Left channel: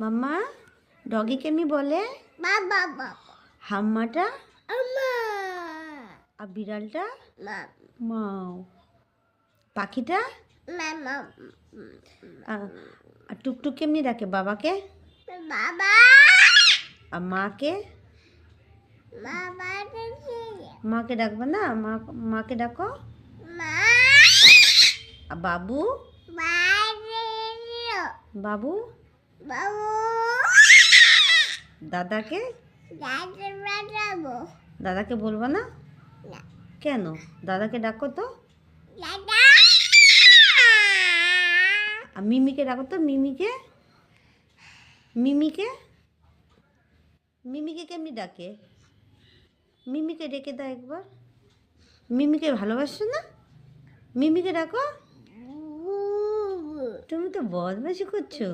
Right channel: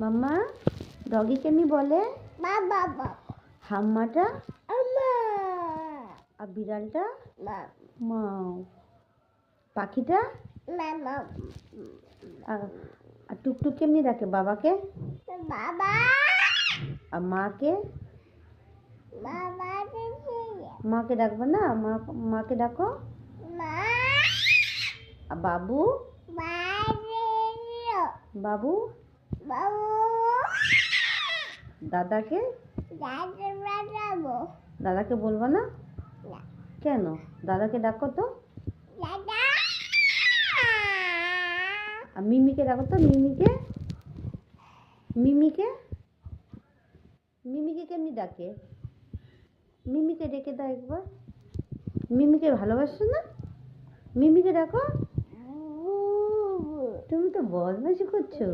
মাম্মা doggy কেমনি বলে? হাম্মাটা আর বিড়ালটা মাও, পাখিটা আর টুকটুক কেমনি ডাকে বাবাকে? আর মাকে? মাকে ডাকবে না? মাকে ডাকো। আর বাবু? বাবু? দাদাকে? দাদাকে বলবো না? কেন? দাদাকে ডাকো তো। আর মিমিকে ডাকো তো। মিমিকে? মিমিকে? মিমিকে কেমনি ডাকে? মিমিকে ডেকে দাও একবার। মিমিকে ভালোবাসো না? মিমিকে ডাকো। তুমি তো বদমাইশি করছো।